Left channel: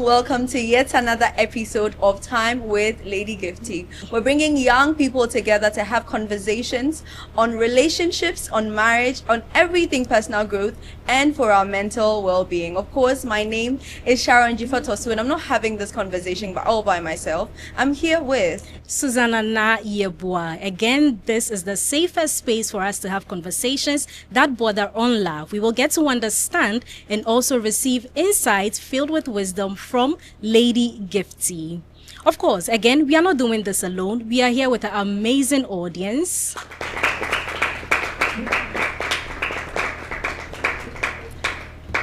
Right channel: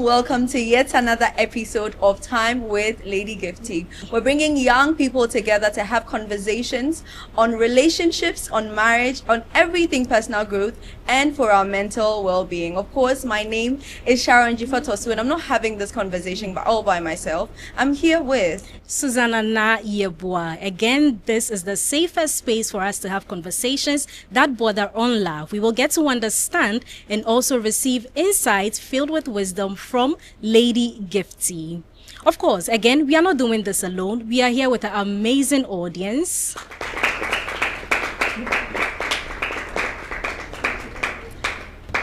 Welcome to yet another episode of Time with Lady Gifty. We're bringing young people together to have conversations on relationships, on marriage, on everything personal growth, and for our mental well-being. Of course, my name is Sharon Jifatosu, and I'm not having this conversation all by myself. I'm here with Susanna Na Yeboah. Again, this is the safest space for us to have conversations that border on love. We will get to understand and also receive insights filled with wisdom from Lady Gifty. Of course, again, we are not doing this alone. We are here with an amazing audience.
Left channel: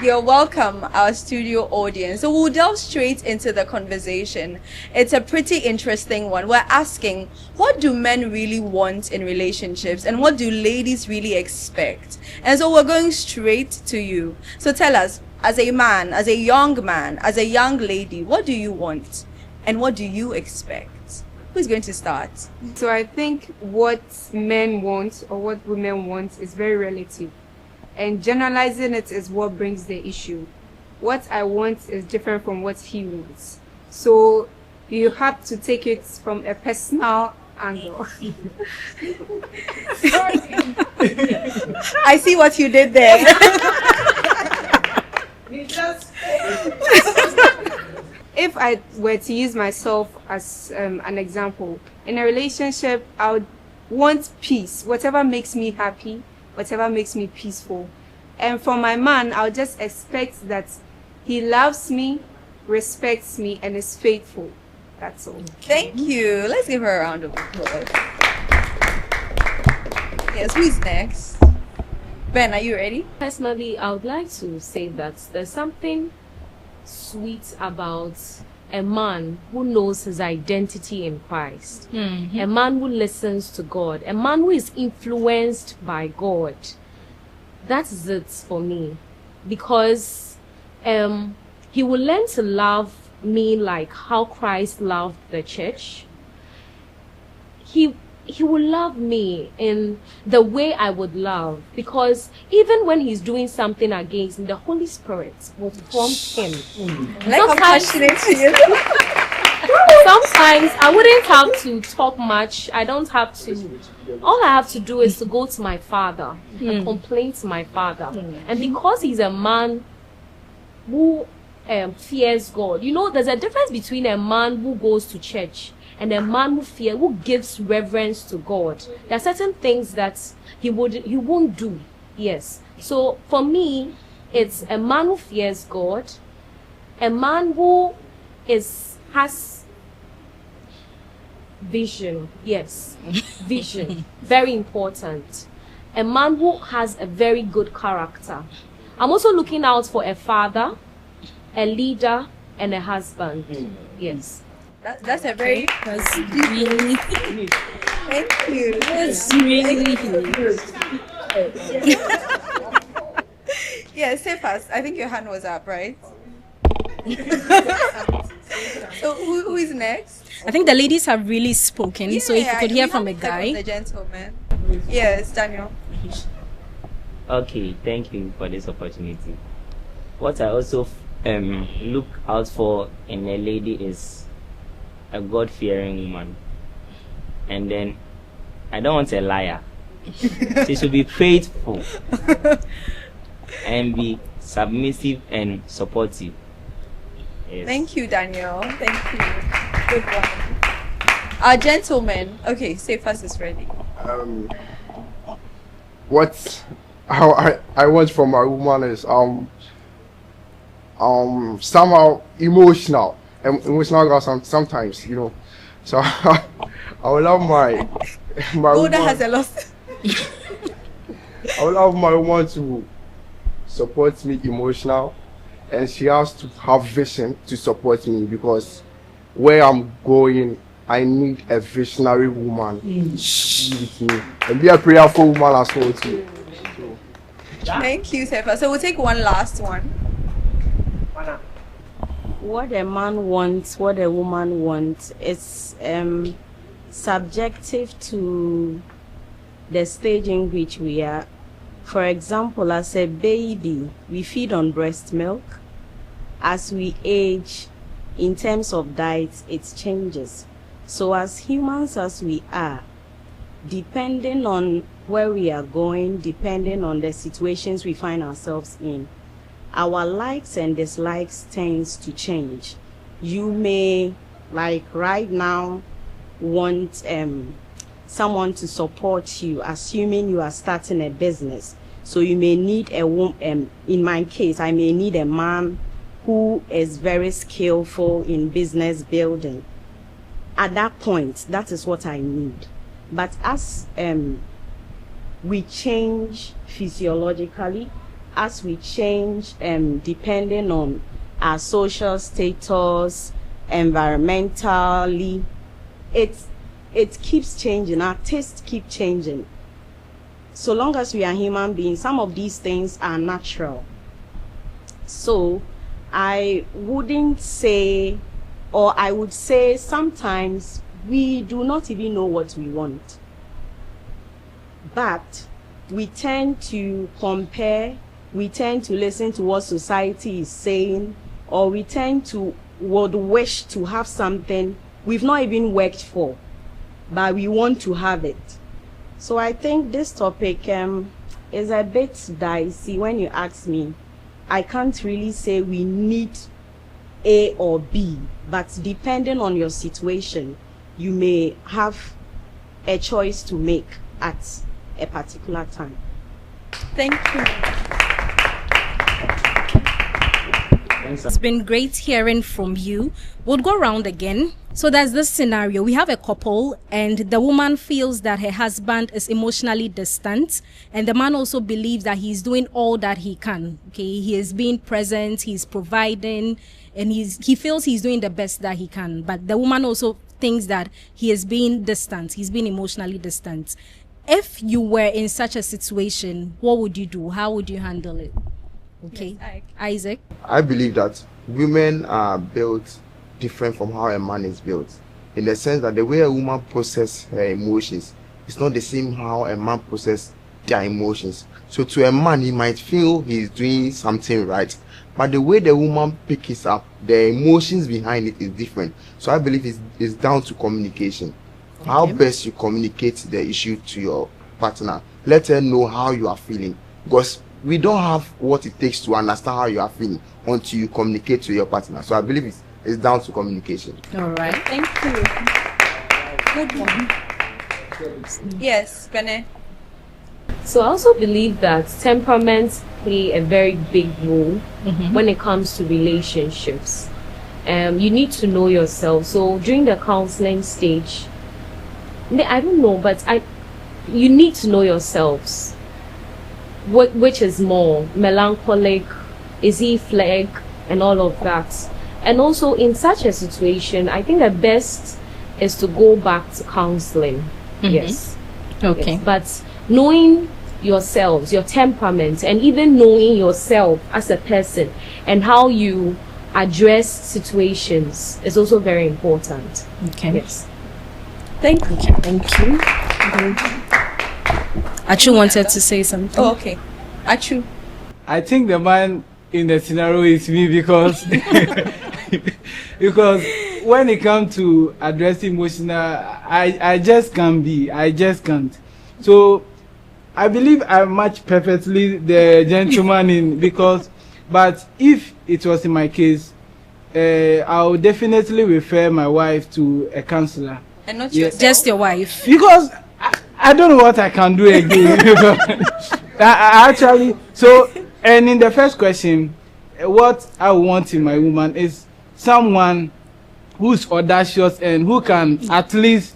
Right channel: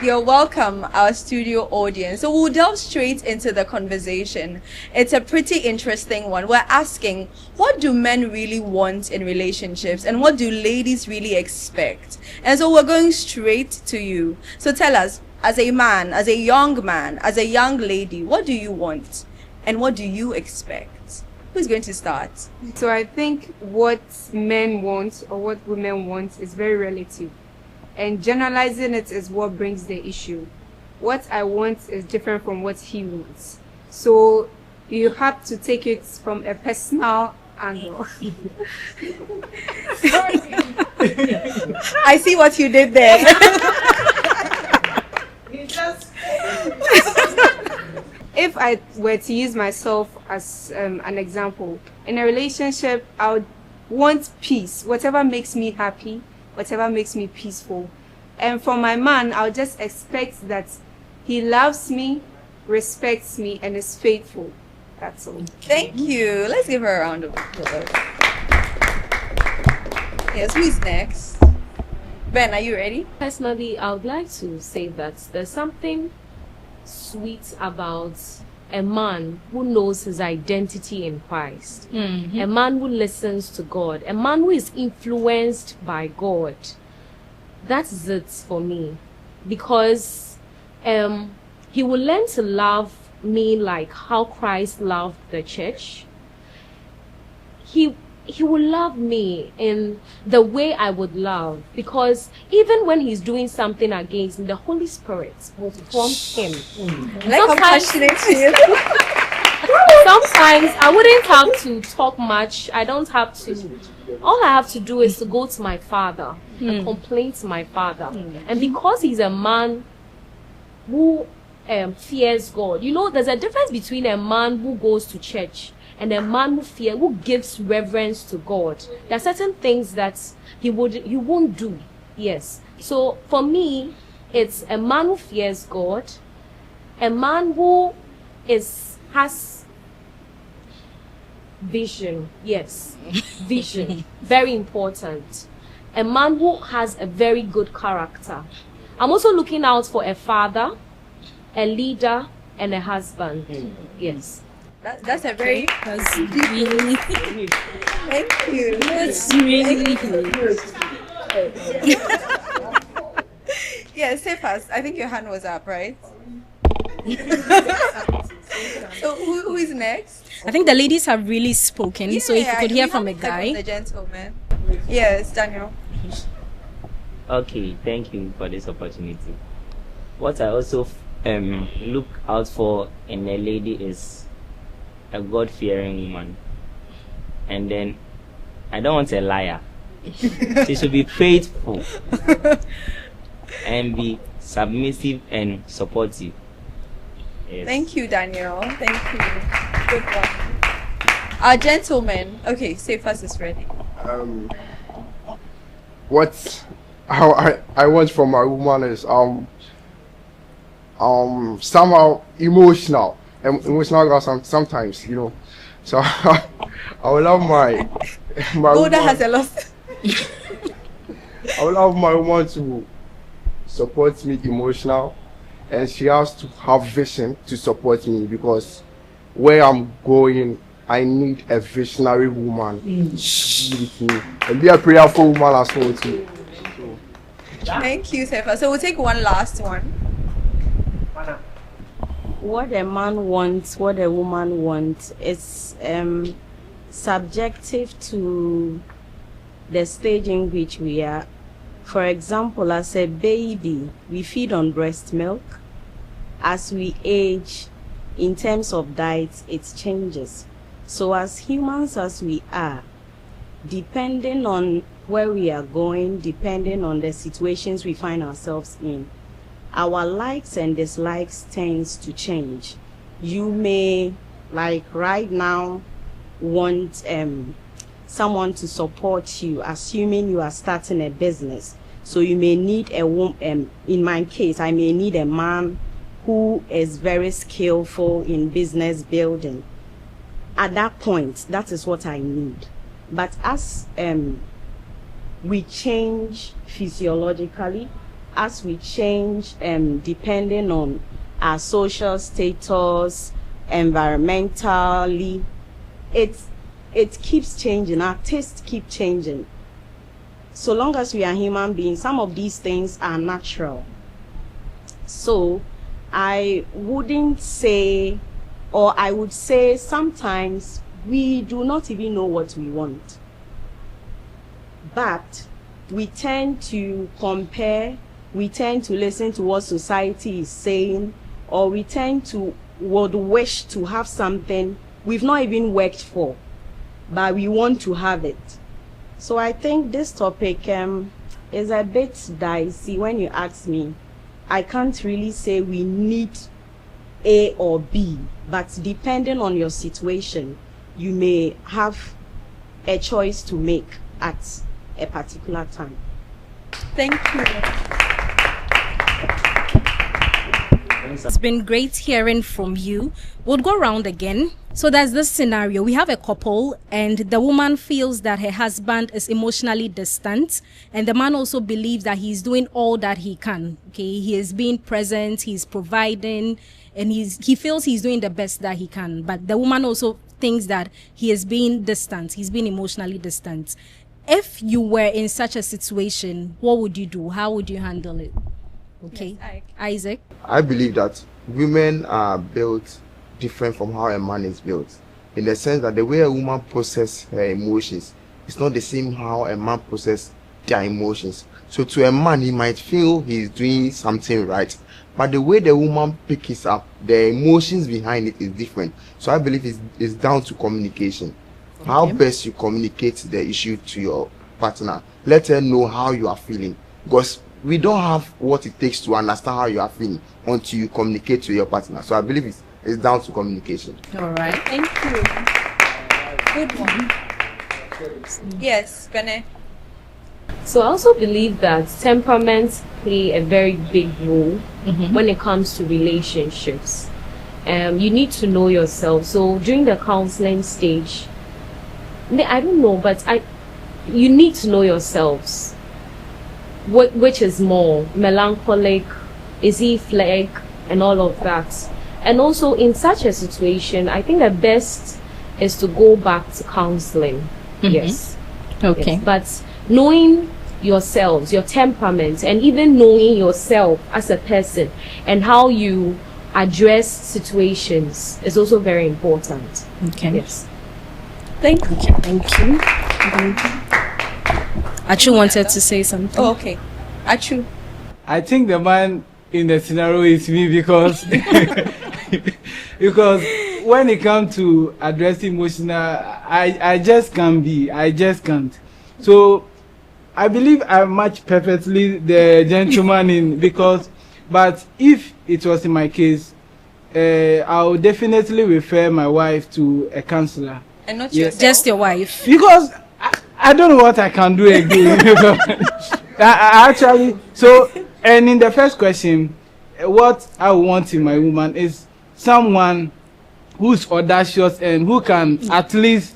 You're welcome, our studio audience. So we'll delve straight into the conversation. It's a pretty interesting one. We're asking, what do men really want in relationships and what do ladies really expect? And so we're going straight to you. So tell us, as a man, as a young lady, what do you want and what do you expect? Who's going to start? So I think what men want or what women want is very relative. And generalizing it is what brings the issue. What I want is different from what he wants. So you have to take it from a personal angle. I see what you did there. You just, if I were to use myself as an example, in a relationship, I want peace. Whatever makes me happy, whatever makes me peaceful. And from my man, I just expect that he loves me, respects me, and is faithful. That's all. Thank you. Let's give her a round of applause. Yes, who's next? Ben, are you ready? Personally, I would like to say that there's something sweet about a man who knows his identity in Christ. Mm-hmm. A man who listens to God. A man who is influenced by God. That's it for me. Because he will learn to love me like how Christ loved the church. He will love me in the way I would love. Because even when he's doing something against me, the Holy Spirit will I like how passionate she is. I don't have to talk much. I don't have to. All I have to do is to go to my father and pray to my father. And because he's a man who fears God, you know, there's a difference between a man who goes to church and a man who gives reverence to God. There are certain things that you won't do. Yes. So for me, it's a man who fears God, a man who has vision. Yes, vision, very important. A man who has a very good character. I'm also looking out for a father, a leader, and a husband. Yes. That's a very That's really, thank you. that's really Yeah, say fast. I think your hand was up, right? So who is next? I think the ladies have really spoken, so if you could hear we from a haven't heard guy. the gentleman. Yes, Daniel. Okay, thank you for this opportunity. What I also look out for in a lady is a God-fearing woman. And then, I don't want to be a liar. And be submissive and supportive. Thank you, Daniel. Thank you. Good one. Our gentleman. Okay, say first is ready. What I want from my woman is somehow emotional. And emotional sometimes, you know. So I would love my Golda has a lot. I would love my mom to support me emotional, and she has to have vision to support me because where I'm going, I need a visionary woman. Thank you, Sefa. So we'll take one last one. What a man wants, what a woman wants is subjective to the stage in which we are. For example, as a baby, we feed on breast milk. As we age, in terms of diets, it changes. So as humans as we are, depending on where we are going, depending on the situations we find ourselves in, our likes and dislikes tends to change. You may, right now, want someone to support you, assuming you are starting a business. So you may need a woman, in my case, I may need a man who is very skillful in business building. At that point, that is what I need. But as we change physiologically, as we change depending on our social status, environmentally, it keeps changing, our tastes keep changing. So long as you're a human being, some of these things are natural. So I wouldn't say, or I would say sometimes we do not even know what we want. But we tend to compare, we tend to listen to what society is saying, or we tend to wish to have something we've not even worked for, but we want to have it. So I think this topic is a bit dicey when you ask me. I can't really say we need A or B, but depending on your situation, you may have a choice to make at a particular time. Thank you. It's been great hearing from you. We'll go around again. So there's this scenario. We have a couple and the woman feels that her husband is emotionally distant and the man also believes that he's doing all that he can. Okay, he is being present, he's providing, and he feels he's doing the best that he can. But the woman also thinks that he is being distant, he's being emotionally distant. If you were in such a situation, what would you do? How would you handle it? Okay, Yes, Isaac. I believe that women are built different from how a man is built. And I feel that the way a woman processes her emotions is not the same how a man processes their emotions. So to a man, you might feel he's doing something right, but the way the woman picks up, the emotions behind it is different. So I believe it's down to communication. Okay. How best to communicate the issue to your partner. Let them know how you are feeling. Because we don't have what it takes to understand how you are feeling and to communicate to your partner. So I believe it's down to communication. All right. Thank you. Good one. Yes, Bene. So I also believe that temperaments play a very big role when it comes to relationships. You need to know yourself. So during the counseling stage, I don't know, but you need to know yourselves. Which is more melancholic, is he flake, and all of that. And also in such a situation, I think the best is to go back to counseling. Yes. Okay. But knowing yourself, your temperament, and even knowing yourself as a person and how you address situations is also very important. Okay. Yes. Thank you. Okay. Thank you. Achu wanted to say something. Oh, okay. Achu. I think the man in the scenario is me because when it comes to addressing emotional, I just can't be. I just can't. So I believe I'm much perfectly the gentleman in because, but if it was in my case, I would definitely refer my wife to a counselor. And not yourself. Just your wife. Because I don't know what I can do. And in the first question, what I want in a woman is someone who's audacious and who can at least,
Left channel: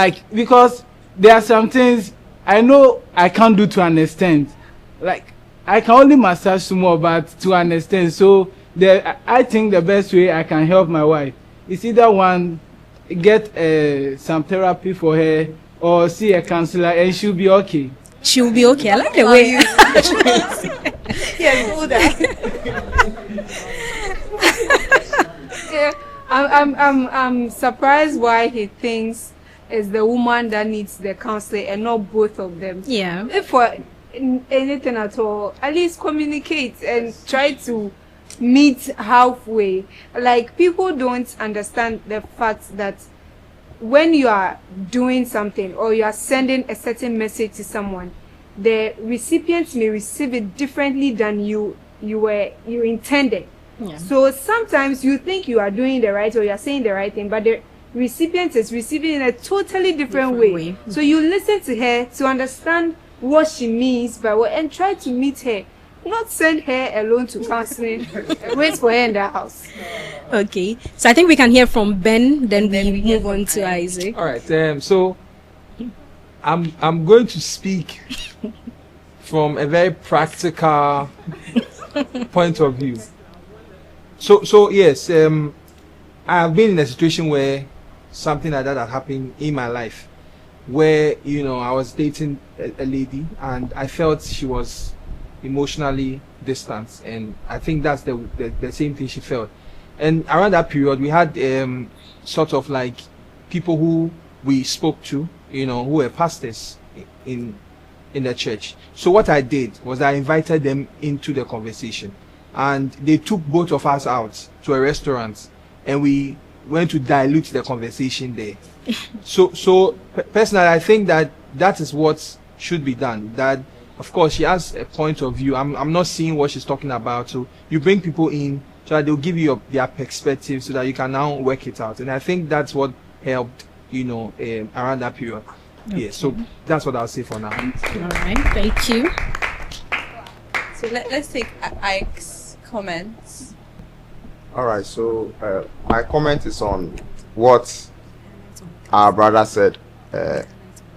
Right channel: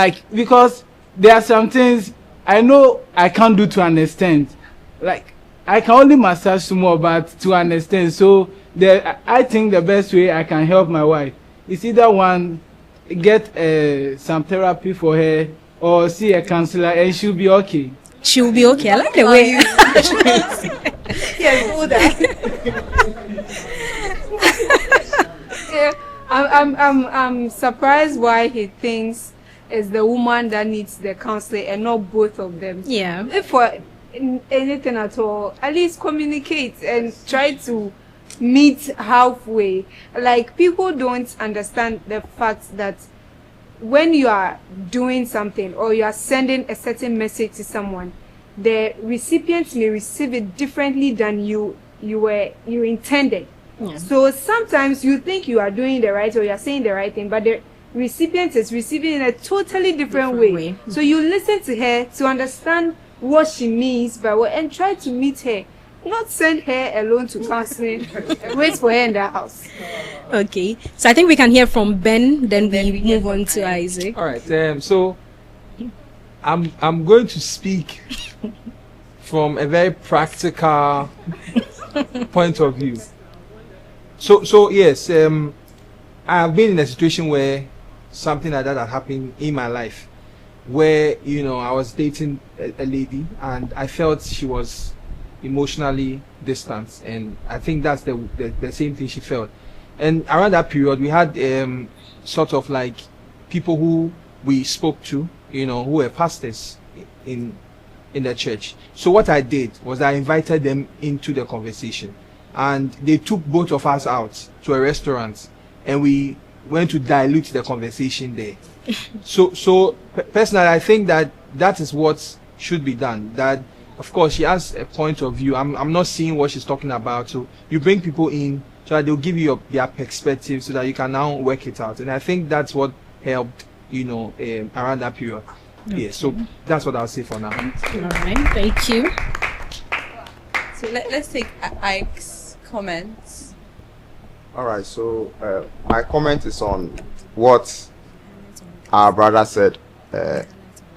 like, because there are some things I know I can't do to an extent. Like, I can only massage to know about to an extent. So I think the best way I can help my wife is either one, get some therapy for her, or see a counselor, and she'll be okay. She'll be okay. I like the way. Yes, do that. I'm surprised why he thinks as the woman that needs the counseling and not both of them. Yeah. But anything at all, at least communicate and try to meet halfway. Like, people don't understand the fact that when you are doing something or you are sending a certain message to someone, the recipient will receive it differently than you intended. Yeah. So sometimes you think you are doing the right or you are saying the right thing, but the recipient is receiving it in a totally different way. So you listen to her to understand what she means, and try to meet her. Not send her alone to their house. Okay. So I think we can hear from Ben, then we move on to Isaac. All right, so I'm going to speak from a very practical point of view. So yes, I've been in a situation where something like that happened in my life, where, I was dating a lady and I felt she was emotionally distant, and I think that's the same thing she felt. And around that period, we had sort of like people who we spoke to, who were pastors in a church. So what I did was I invited them into the conversation, and they took both of us out to the restaurants, and we went to dilute the conversation there. So personally, I think that is what should be done. That, of course, that's the point of view. I'm not seeing what you're talking about. So you bring people in, and they'll give you their perspectives, and you can how work it out. And I think that's what helped, our happy rock. Okay. That's what I'll say for now. Thank you. All right. Thank you. So let's take Ike's comments. All right, so my comment is on what our brother said.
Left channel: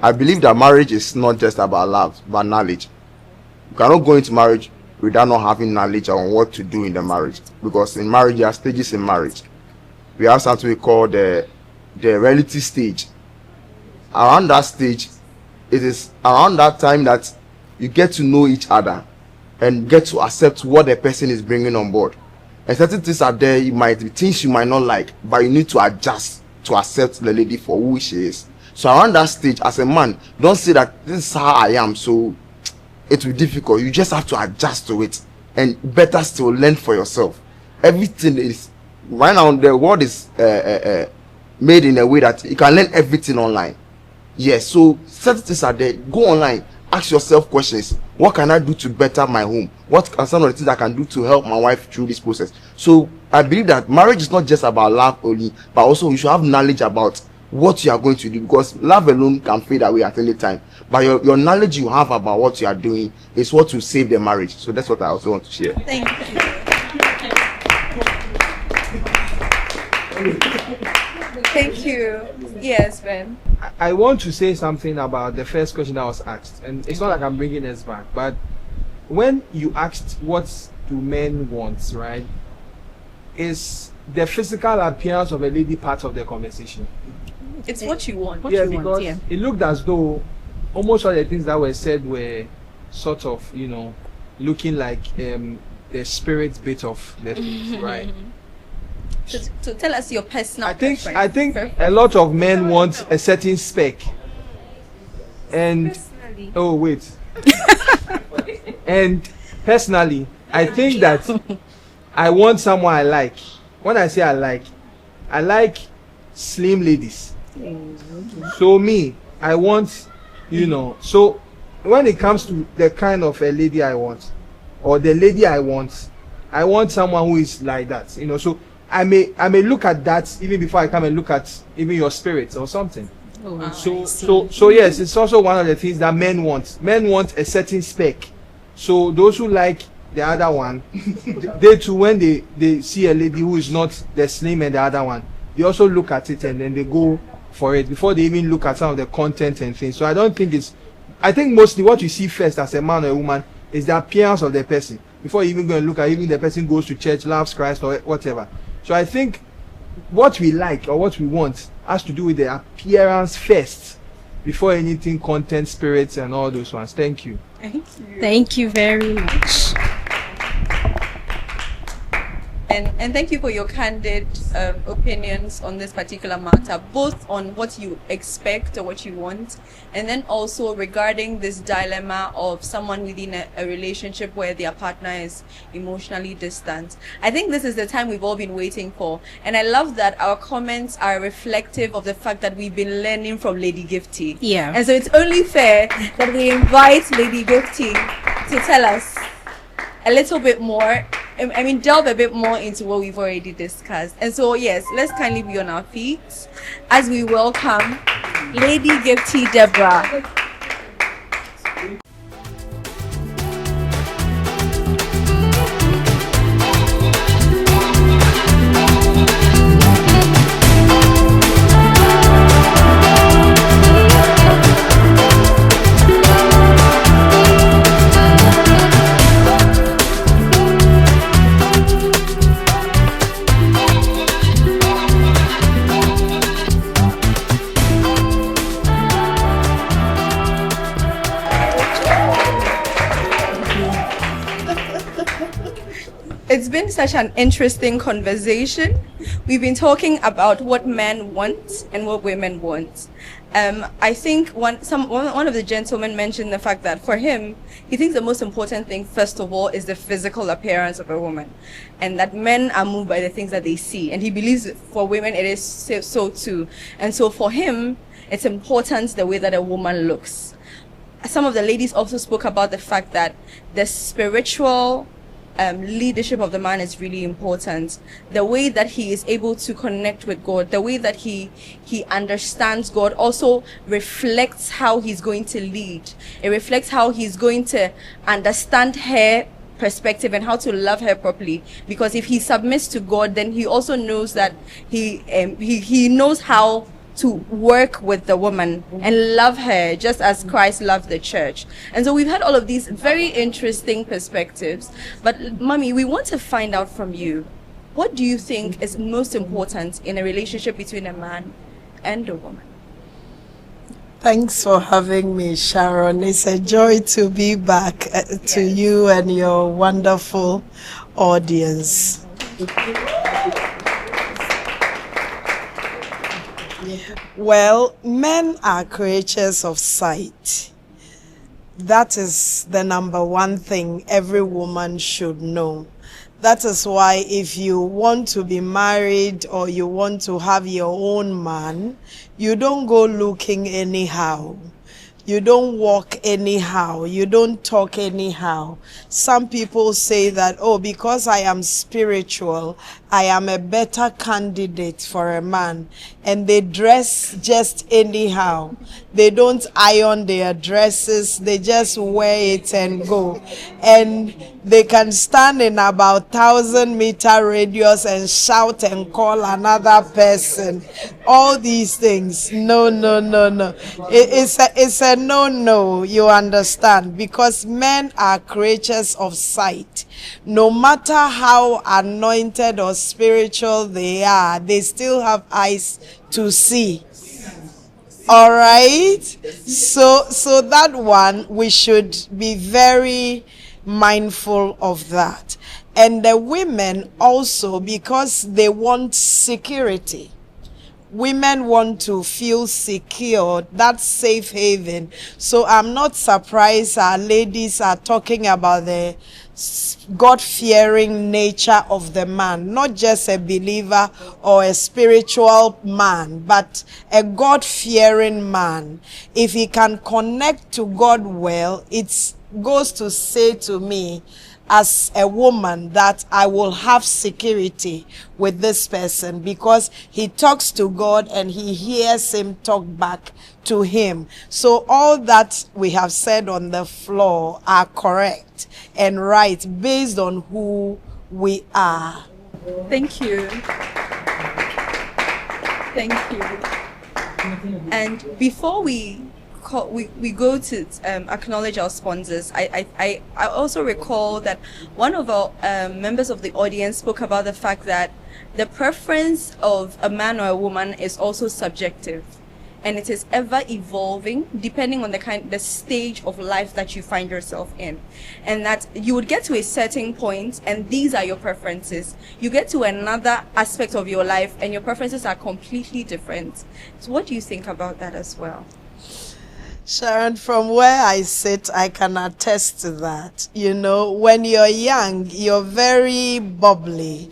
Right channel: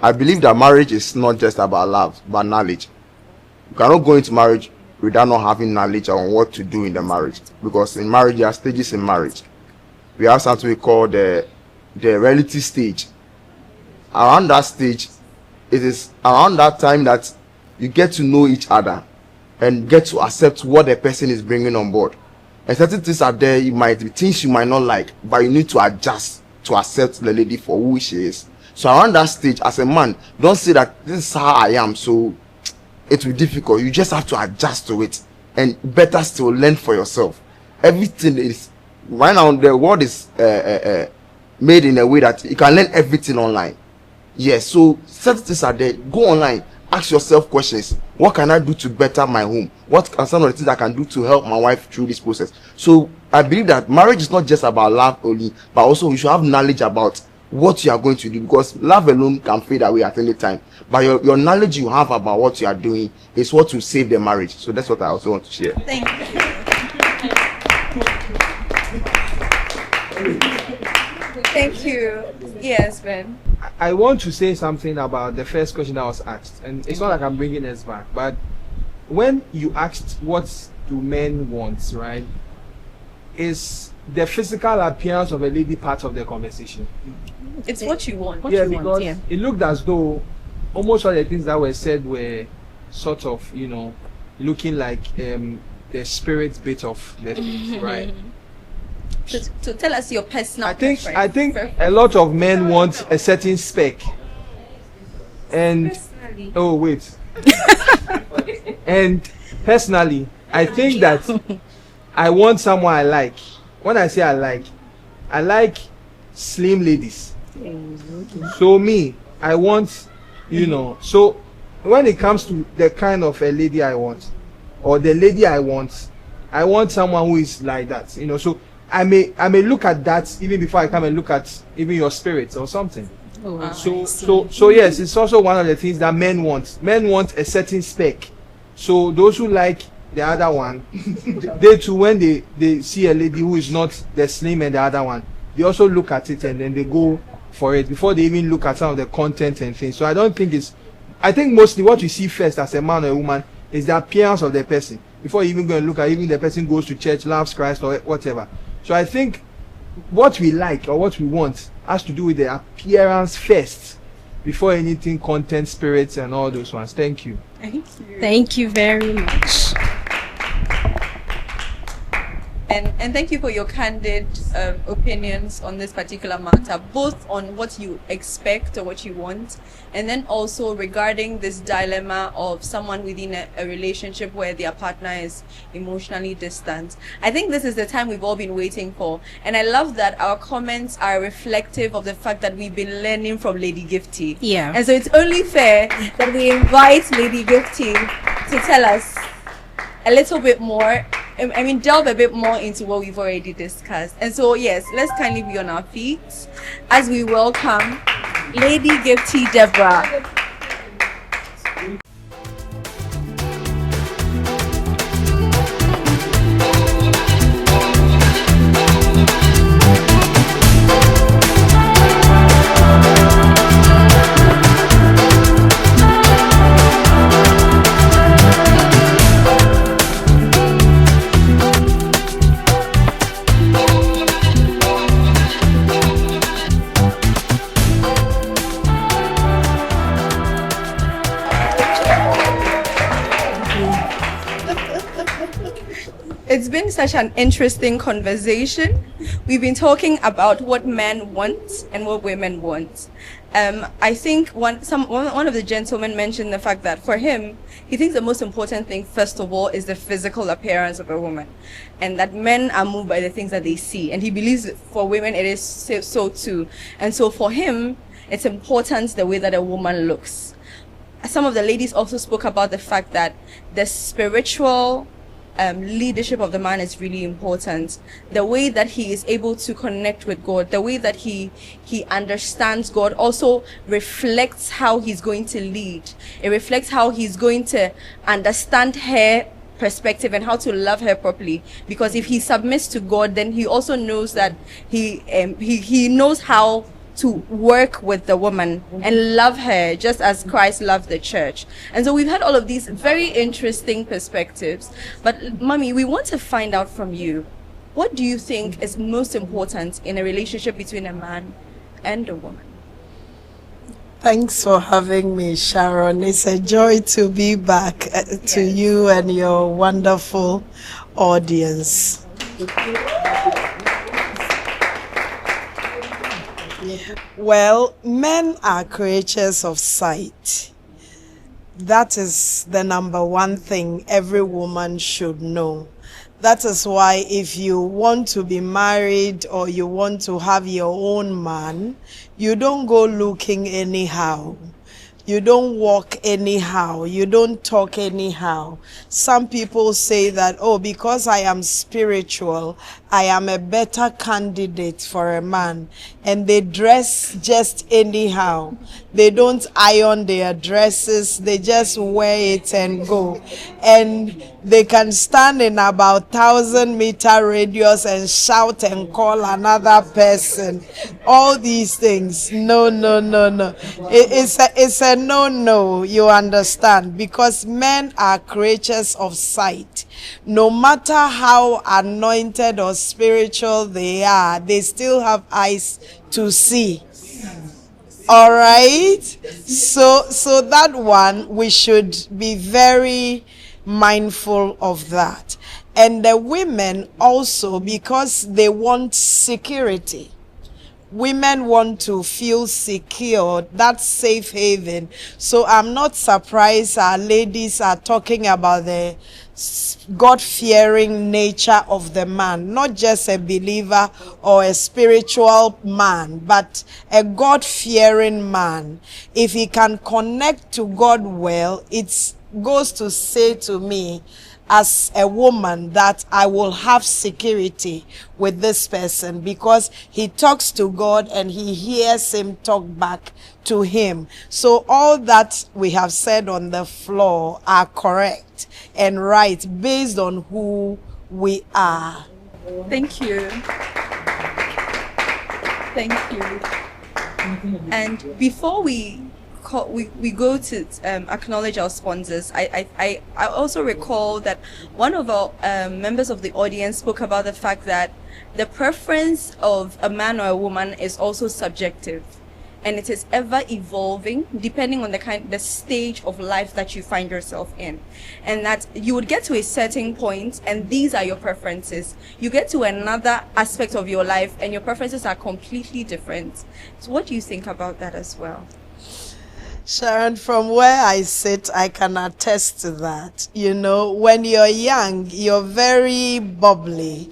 I believe that marriage is not just about marriage. I'm not going to marry without having marriage or what to do in marriage, because a marriage has been too much. And that's what we call the inheriting stage. Around that stage, it is around that time that you get to know each other and get to accept what the person is bringing on board. Because things are very like things you might not like, but you need to adjust to accept the lady for who she is. So around that stage, as a man, you don't say that that's how I am, so it's difficult. You just have to adjust to it and better to learn for yourself. Everything is, right now, what is made in the way that you can learn everything online. Yeah, so just things are there, go online, ask yourself questions. What can I do to better my home? What are some of the things I can do to help my life through this process? So I believe that marriage is not just about love only, but also we have knowledge about what you are going to do, because love alone can fail at any time. But your knowledge you have about what you are doing is what will save your marriage to better the outcome. Thank you. Thank you. Yes, Ben. I want to say something about the first question I was asked, and it's not I'm bringing this back, but when you asked what the men want, right, it's the physical appearance of a lady part of the conversation. It's what you want. What you want, yeah. It looked as though almost all the things that were said were sort of, looking like the spirit bit of. So tell us your personal I preference. think a lot of men want a certain spec. And, and personally, I think that I want someone I like. What I say I like slim ladies. So me, I want, so when it comes to the kind of a lady I want, or the lady I want someone who is like that. So I may look at that even before I come and look at maybe your spirit or something. Oh, I see. So yes, it's also one of the things that men want. Men want a certain spec. So those who like a the other one, they too, when they see a lady who is not excelling in the other one, they also look at it and then they go for it before they even look at some of the content and things. So I don't think it's, I think mostly what you see first as a man is the appearance of the person. Before you even look at it, the person goes to church, laughs, right, or whatever. So I think what we like and what we want has to do with the appearance first before anything content, spirits, and all those ones. Thank you. Thank you. Thank you very much. And thank you for your candid opinions on this particular matter, both on what you expect or what you want, and then also regarding this dilemma of someone within a relationship where their partner is emotionally distant. I think this is the time we've all been waiting for, and I love that our comments are reflective of the fact that we've been learning from Lady Gifty. Yeah. And so it's only fair that we invite Lady Gifty to tell us a little bit more. I mean, delve a bit more into what we've already discussed. And so, yes, let's kindly be on our feet as we welcome Lady Gifty Deborah. It's been such an interesting conversation. We've been talking about what men want and what women want. I think one of the gentlemen mentioned the fact that for him, he thinks the most important thing, first of all, is the physical appearance of a woman, and that men are moved by the things that they see. And he believes that for women, it is so too. And so for him, it's important the way that a woman looks. Some of the ladies also spoke about the fact that the spiritual leadership of the man is really important. The way that he is able to connect with God, the way that he understands God also reflects how he's going to lead. It reflects how he's going to understand her perspective and how to love her properly. Because if he submits to God, then he also knows that he knows how to work with the woman and love her just as Christ loved the church. And so we've had all of these very interesting perspectives. But Mommy, we want to find out from you, what do you think is most important in a relationship between a man and a woman? Thanks for having me, Sharon. It's a joy to be back to you and your wonderful audience. Well, men are creatures of sight. That is the number one thing every woman should know. That is why if you want to be married or you want to have your own man, you don't go looking anyhow. You don't walk anyhow. You don't talk anyhow. Some people say that, oh, because I am spiritual, I am a better candidate for a man. And they dress just anyhow. They don't iron their dresses. They just wear it and go. And they can stand in about 1,000-meter radius and shout and call another person. All these things. No. It's a no, you understand. Because men are creatures of sight. No matter how anointed or spiritual they are, they still have eyes to see. All right? So that one, we should be very mindful of that. And the women also, because they want security. Women want to feel secure, that's safe haven. So I'm not surprised our ladies are talking about the God-fearing nature of the man, not just a believer or a spiritual man, but a God-fearing man. If he can connect to God well, it goes to say to me as a woman that I will have security with this person because he talks to God and he hears him talk back to him. So all that we have said on the floor are correct and right based on who we are. Thank you. Thank you. And before we go to acknowledge our sponsors, I also recall that one of our members of the audience spoke about the fact that the preference of a man or a woman is also subjective, and it is ever evolving depending on the stage of life that you find yourself in, and that you would get to a certain point and these are your preferences. You get to another aspect of your life and your preferences are completely different. So what do you think about that as well? Sharon, from where I sit, I can attest to that. You know, when you're young, you're very bubbly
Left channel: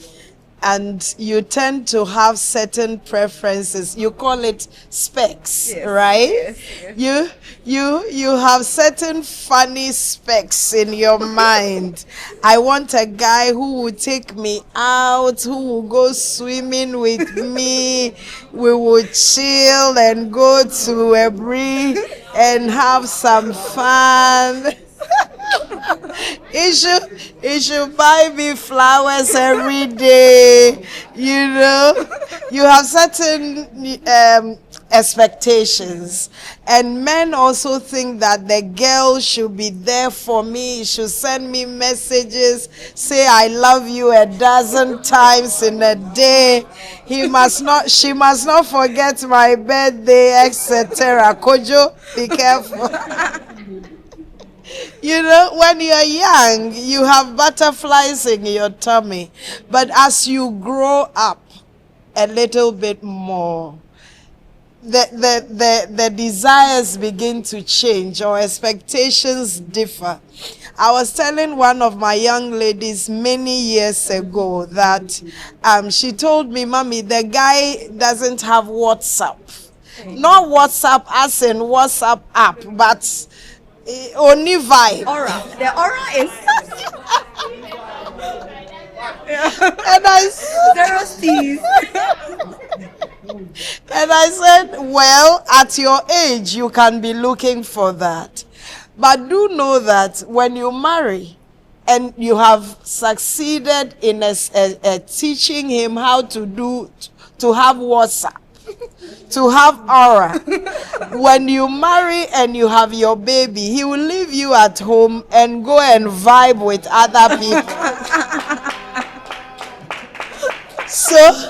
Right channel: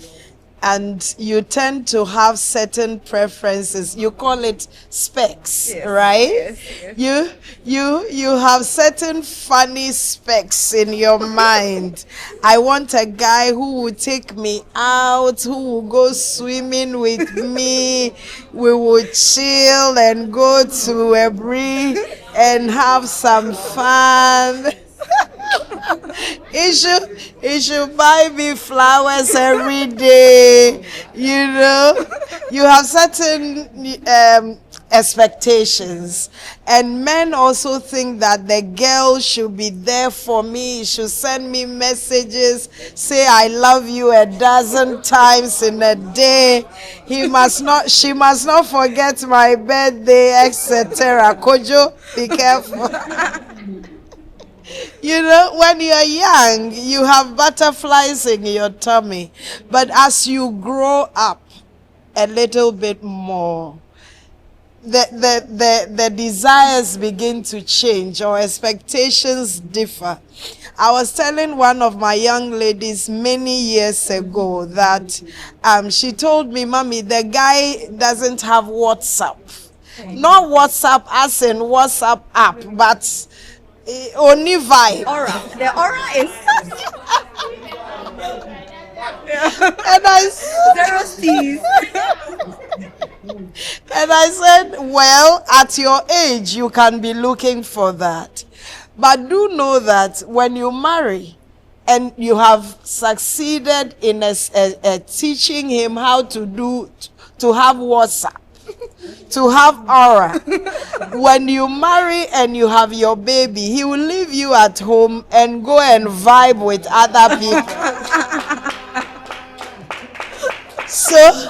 and you tend to have certain preferences. You call it specs, Yes, right? yes. You have certain funny specs in your mind. I want a guy who will take me out, who will go swimming with me. We will chill and go to a breeze and have some fun. He should buy me flowers every day. You know, you have certain expectations, and men also think that the girl should be there for me, should send me messages, say I love you 12 times in a day. She must not forget my birthday, etc. Kojo, be careful. You know, when you're young, you have butterflies in your tummy. But as you grow up a little bit more, the desires begin to change or expectations differ. I was telling one of my young ladies many years ago that she told me, Mommy, the guy doesn't have WhatsApp. Not WhatsApp as in WhatsApp app, but only vibe. Aura. The aura is And I zero C's. And I said, well, at your age, you can be looking for that. But do know that when you marry and you have succeeded in teaching him how to have WhatsApp, to have aura, when you marry and you have your baby, he will leave you at home and go and vibe with other people. So,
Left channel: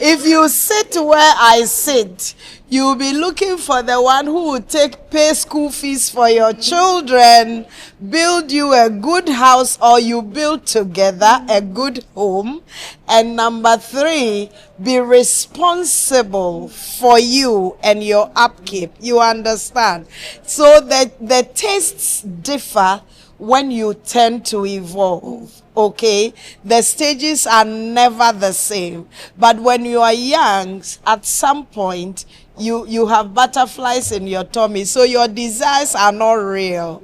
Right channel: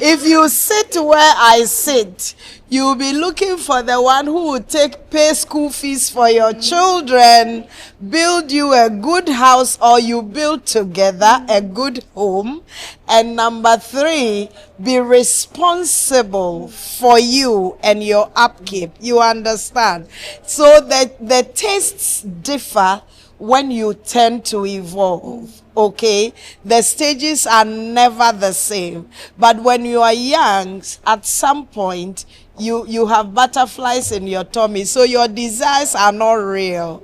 if you sit where I sit, you'll be looking for the one who will pay school fees for your children, build you a good house, or you build together a good home. And number 3, be responsible for you and your upkeep. You understand? So that the tastes differ when you tend to evolve. Okay, the stages are never the same, but when you are young, at some point you have butterflies in your tummy, so your desires are not real.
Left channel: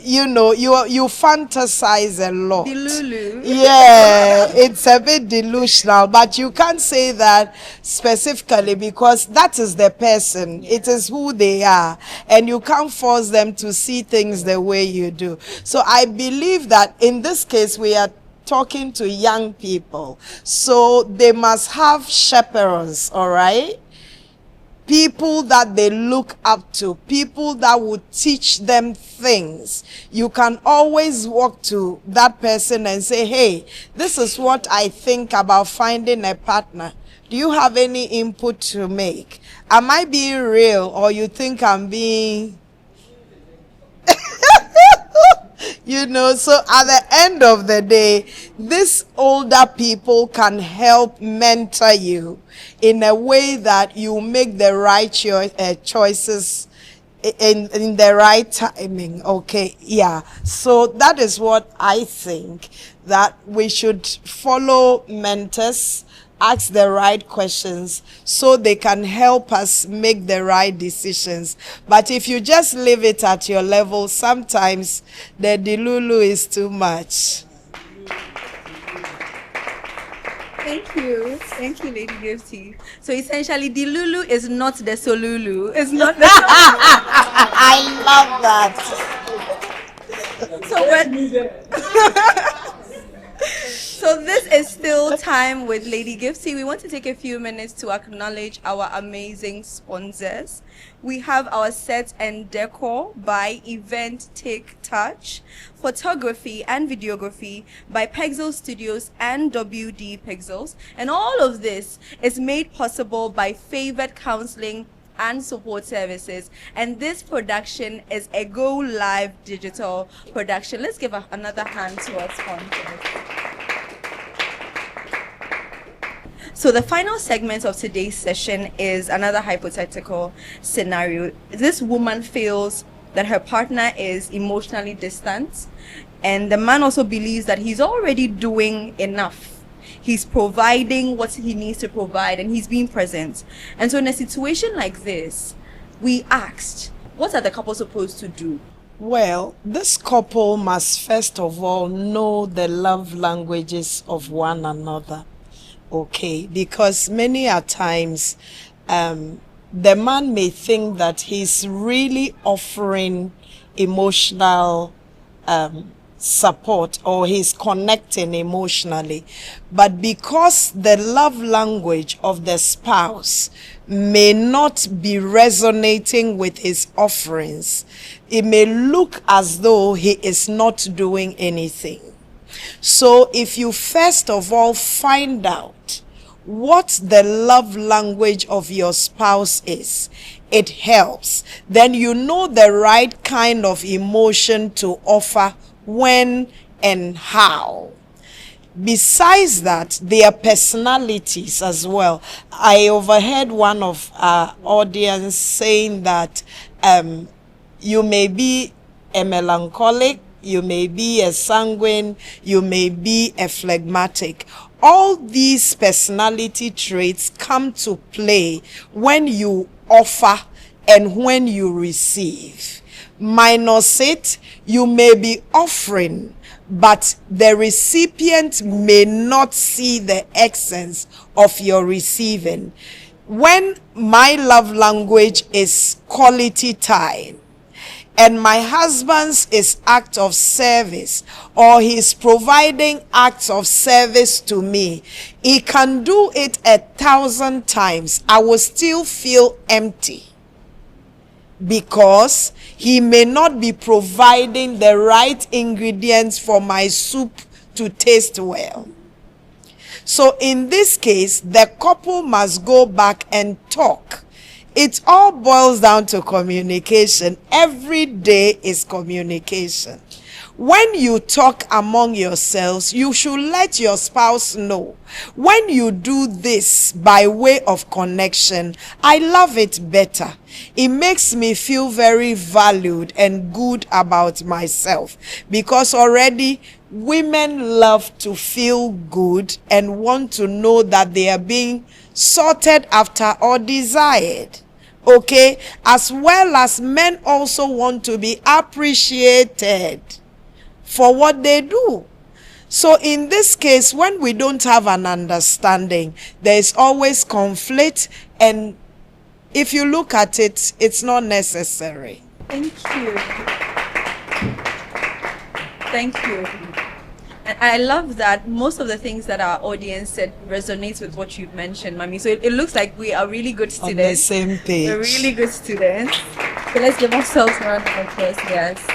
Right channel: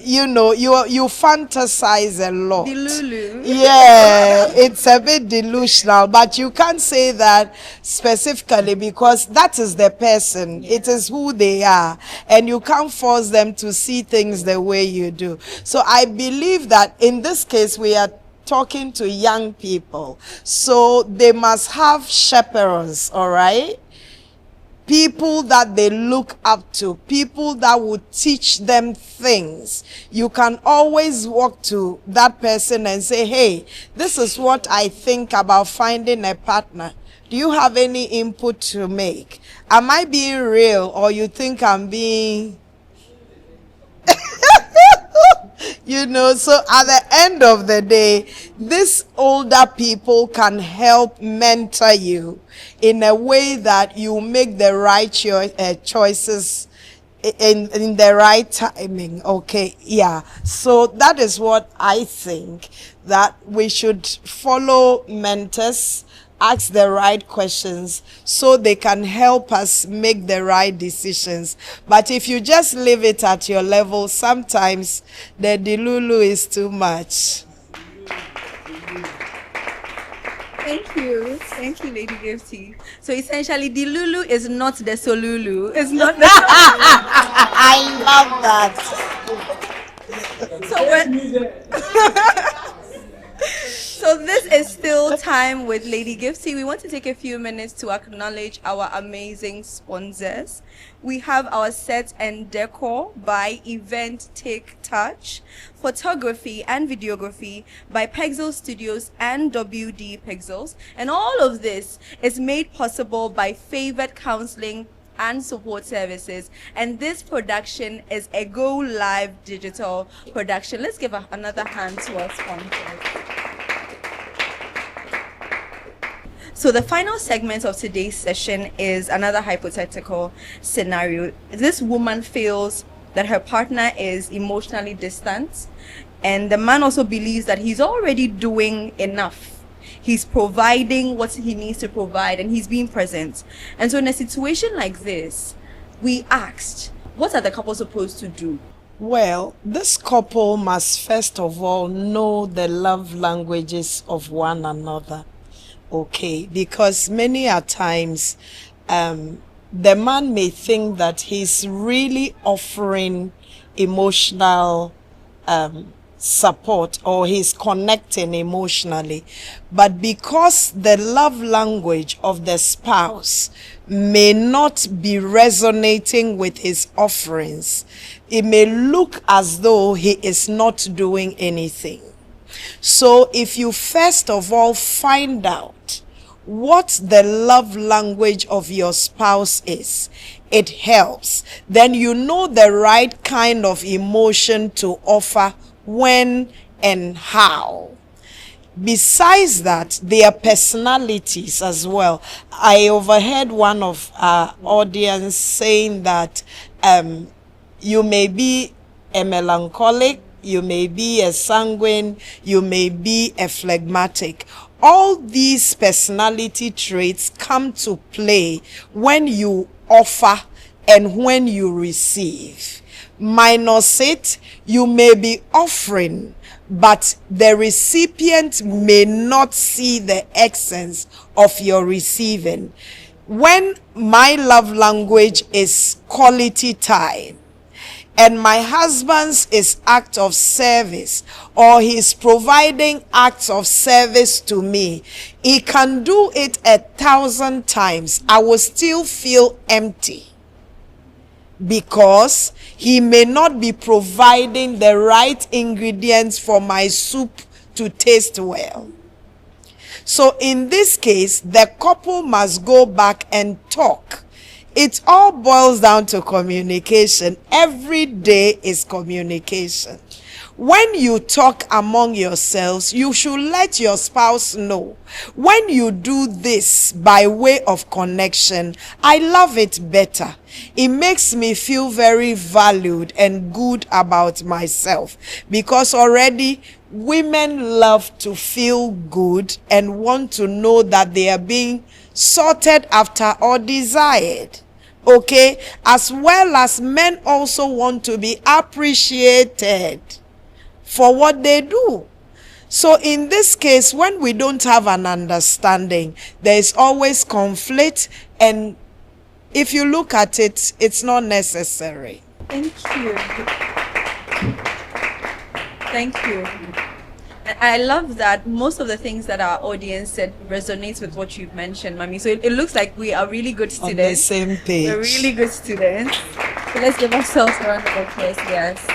You know, you fantasize a lot. Delulu. Yeah, it's a bit delusional, but you can't say that specifically because that is the person. It is who they are, and you can't force them to see things the way you do. So I believe that in this case we are talking to young people, so they must have chaperones, all right? People that they look up to, people that will teach them things. You can always walk to that person and say, hey, this is what I think about finding a partner. Do you have any input to make? Am I being real, or you think I'm being... You know, so at the end of the day, these older people can help mentor you in a way that you make the right choices in the right timing. Okay, yeah. So that is what I think, that we should follow mentors, ask the right questions so they can help us make the right decisions. But if you just leave it at your level, sometimes the delulu is too much. Thank you, Lady Gifty. So essentially, the Lulu is not the Solulu. It's not the I love that. so when So this is still Time with Lady Gifty. We want to take a few minutes to acknowledge our amazing sponsors. We have our set and decor by Event Take Touch, photography and videography by Pexel Studios and WD Pexels. And all of this is made possible by Favored Counseling and Support Services. And this production is a Go Live digital production. Let's give another hand to our sponsors. So the final segment of today's session is another hypothetical scenario. This woman feels that her partner is emotionally distant, and the man also believes that he's already doing enough. He's providing what he needs to provide, and he's being present. And so in a situation like this, we asked, what are the couple supposed to do? Well, this couple must first of all know the love languages of one another. Okay, because many a times the man may think that he's really offering emotional support, or he's connecting emotionally, but because the love language of the spouse may not be resonating with his offerings, it may look as though he is not doing anything. So if you first of all find out what the love language of your spouse is, it helps. Then you know the right kind of emotion to offer, when and how. Besides that, their personalities as well. I overheard one of our audience saying that you may be a melancholic, you may be a sanguine, you may be a phlegmatic. All these personality traits come to play when you offer and when you receive. Minus it, you may be offering, but the recipient may not see the essence of your receiving. When my love language is quality time, and my husband's is act of service, or he's providing acts of service to me, he can do it 1,000 times. I will still feel empty, because he may not be providing the right ingredients for my soup to taste well. So in this case, the couple must go back and talk. It all boils down to communication. Every day is communication. When you talk among yourselves, you should let your spouse know. When you do this by way of connection, I love it better. It makes me feel very valued and good about myself, because already women love to feel good and want to know that they are being sorted after or desired. Okay, as well as men also want to be appreciated for what they do. So in this case, when we don't have an understanding, there is always conflict, and if you look at it, it's not necessary. Thank you. Thank you. I love that most of the things that our audience said resonates with what you've mentioned, Mami. So it looks like we are really good students. On the same page. We're really good students. So let's give ourselves a round of applause, yes.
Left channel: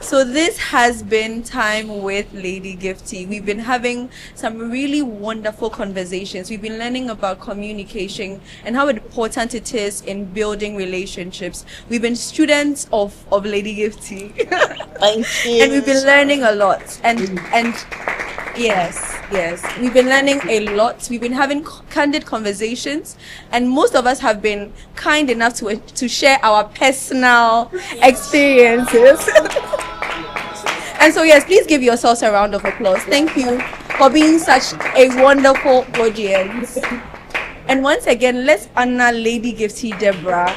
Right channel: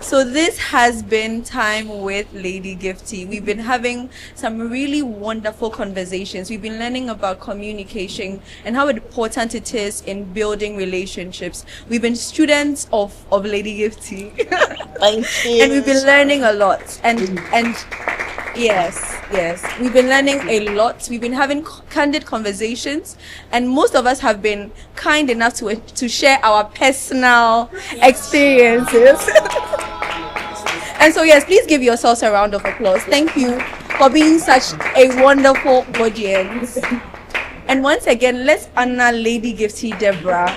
So this has been Time with Lady Gifty. We've been having some really wonderful conversations. We've been learning about communication and how important it is in building relationships. We've been students of Lady Gifty. Thank you. And we've been learning a lot. And yes, we've been learning a lot. We've been having candid conversations, and most of us have been kind enough to share our personal experiences. And so, yes, please give yourselves a round of applause. Thank you for being such a wonderful audience. And once again, let's honor Lady Gifty Deborah.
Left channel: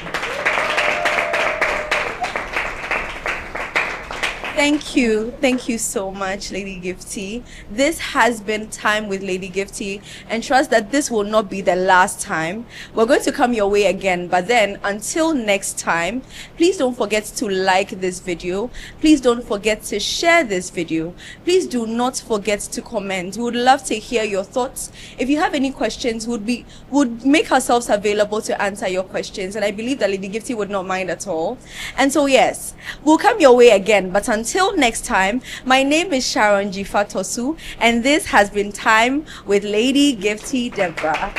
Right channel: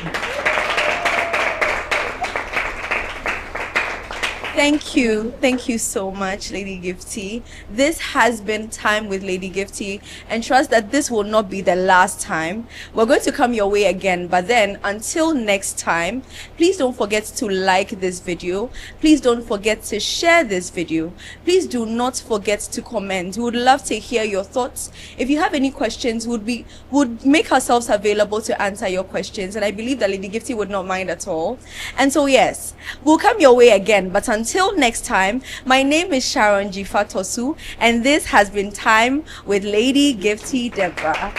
Thank you. Thank you so much, Lady Gifty. This has been Time with Lady Gifty, and trust that this will not be the last time. We're going to come your way again, but then until next time, please don't forget to like this video. Please don't forget to share this video. Please do not forget to comment. We would love to hear your thoughts. If you have any questions, would make ourselves available to answer your questions, and I believe that Lady Gifty would not mind at all. And so yes, we'll come your way again, but until next time, my name is Sharon G. Fatosu, and this has been Time with Lady Gifty Deborah.